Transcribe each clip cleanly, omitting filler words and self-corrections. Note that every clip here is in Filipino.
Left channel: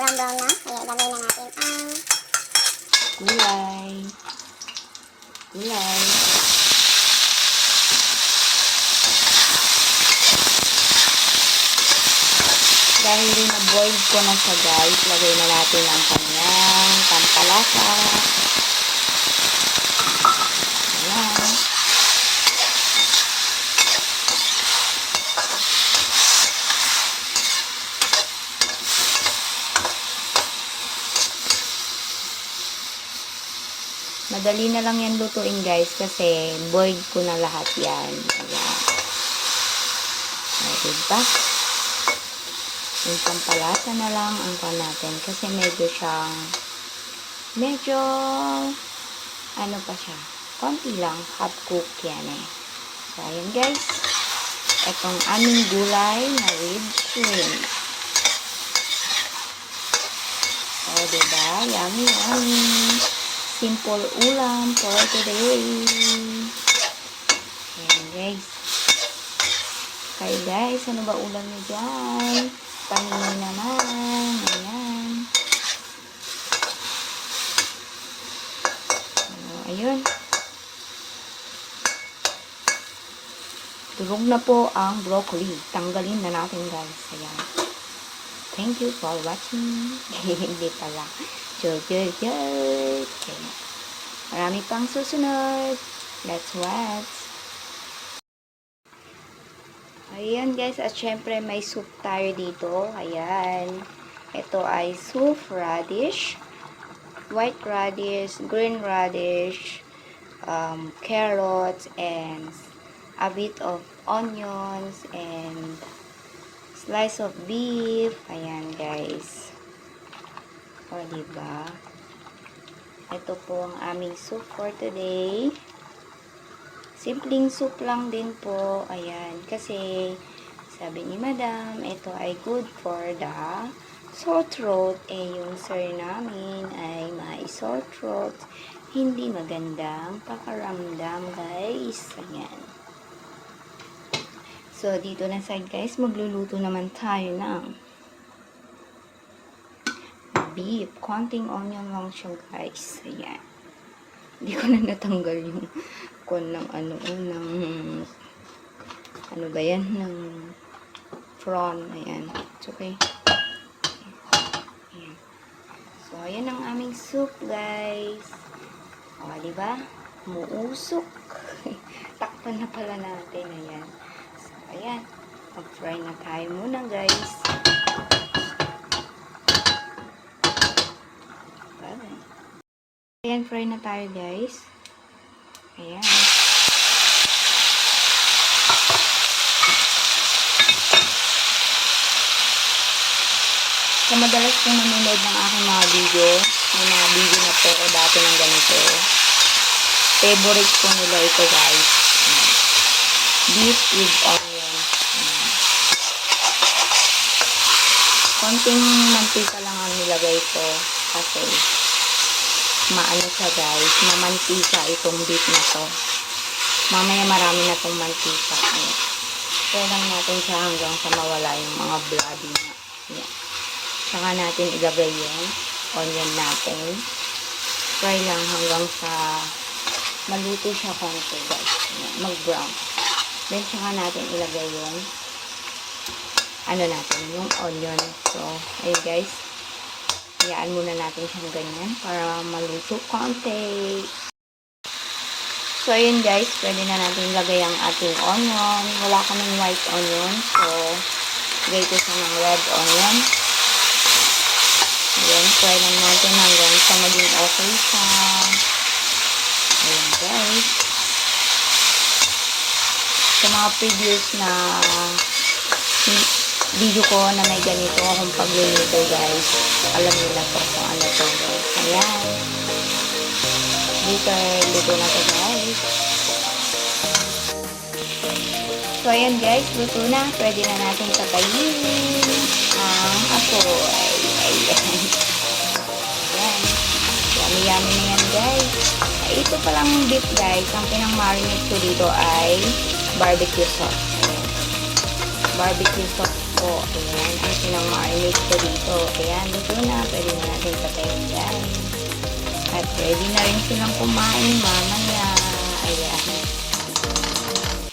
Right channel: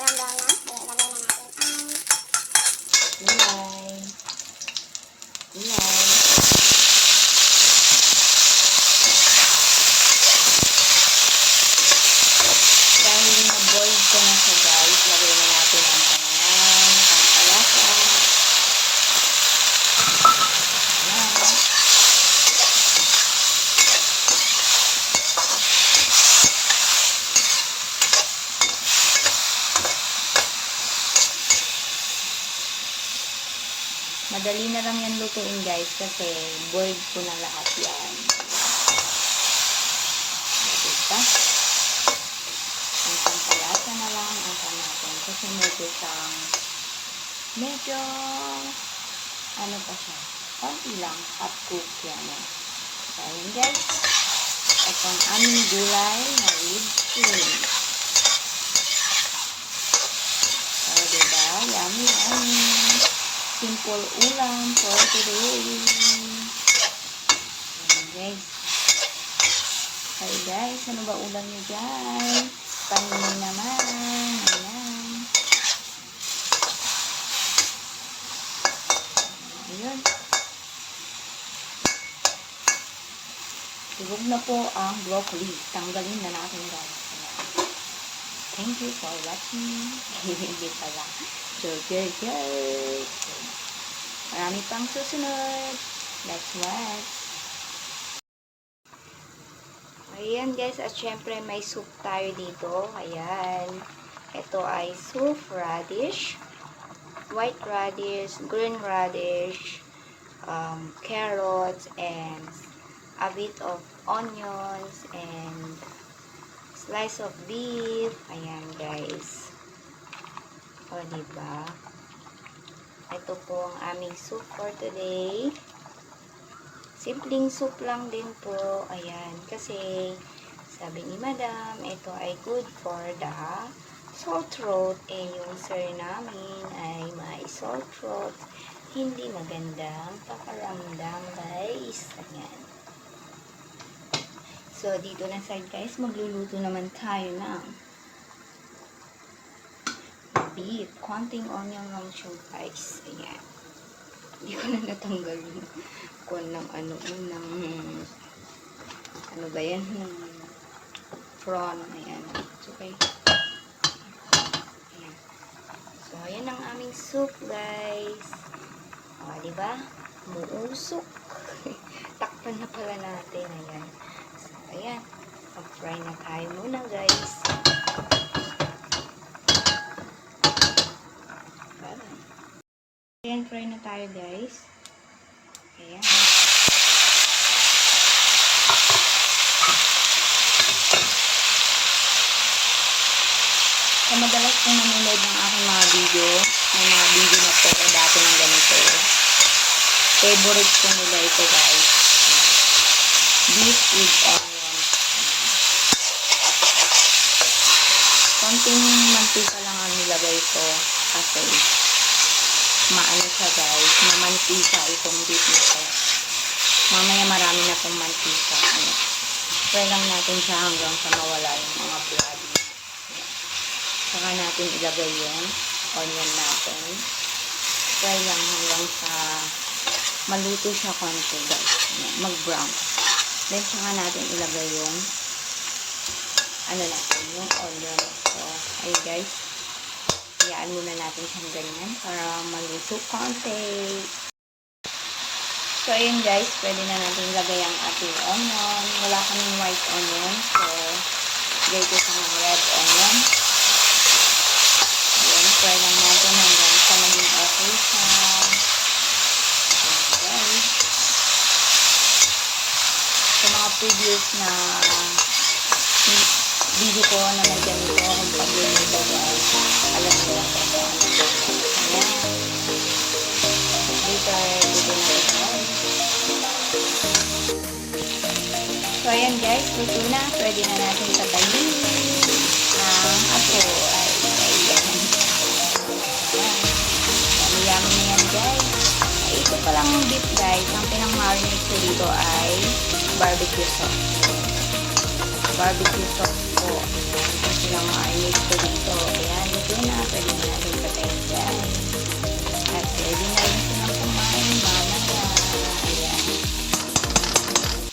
brown na. Kaya ilagay na natin ang gulay. Dahil na-boil ko na siya guys, lagay na natin ang kanyang pampalasa. Ayan. Madali na lang yan lutuin guys kasi boiled ko na lahat yan. Ayan. Diba? Yung pampalasa na lang ang natin kasi medyo ano pa siya, konti lang, half cook yan eh. So ayan guys, itong aming gulay na with shrimp. So diba, yummy. Simple ulam for today. Ayan guys. Okay guys, ano ba ulam nyo dyan? Paninoy naman. Ayan. Ayun. Tulog na po ang broccoli. Tanggalin na natin guys. Ayan. Thank you for watching. Hindi pala. Okay. Marami pang susunod. Let's watch. Ayan guys, at syempre may soup tayo dito. Ayan. Ito ay soup radish, white radish, green radish, carrots, and a bit of onions, and slice of beef. Ayan guys. O, diba? Ito po ang aming soup for today. Simpleng soup lang din po. Ayan. Kasi, sabi ni Madam, ito ay good for the sore throat. Eh, yung sir namin ay may sore throat. Hindi magandang pakaramdam, guys. Ayan. So, dito na side, guys, magluluto naman tayo ng beef. Konting onion lang siya guys. Ayan. Hindi ko na natanggal yung ng ano ba yan? Ng prawn. Ayan. It's okay. Ayan. So, ayan ang aming soup guys. O, diba? Muusok. Takpan na pala natin. Ayan. So, ayan. Mag-fry na tayo muna guys. Ayan, fry na tayo guys. Ayan. Sa madalas kong nanonood ng aking mga video, may mga video na po ko dati ng ganito. Favorite ko nila ito guys. Beef with onion. Konting mantika lang ang nilagay ko kasi maano siya guys, mamantika itong beef na to. Mamaya marami na itong mantika. Try lang natin siya hanggang sa mawala yung mga bloody na. Saka natin ilagay yung onion natin. Try lang hanggang sa maluto siya konti guys. Mag-brown. Then saka natin ilagay yung ano natin, yung onion. So, ayun guys. Iyaan muna natin siyang ganyan para maluto konti. So, ayun guys, pwede na natin ilagay ang ating onion. Wala kaming white onion, so lagay ko siya ng red onion. Ayan, try lang natin hanggang sa maging okay siya. Ayan guys. Sa mga previous na video ko na may ganito akong pagluluto guys, alam nyo na po kung ano to. Ayan. Luto na to guys. So ayan guys, luto na. Pwede na natin tabayin ang apoy. Ayan. Ayan. Yummy na yan guys. Ito palang beef guys, ang pinang-marinate ko dito ay barbecue sauce. Barbecue sauce po. Ayan, ang pinang-marinate ko dito. Ayan, luto na. Pwede na natin patayin dyan. At ready na rin silang kumain mamaya. Ayan.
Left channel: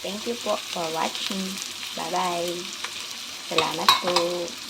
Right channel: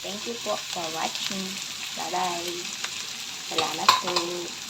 Thank you po for watching. Bye-bye. Salamat po.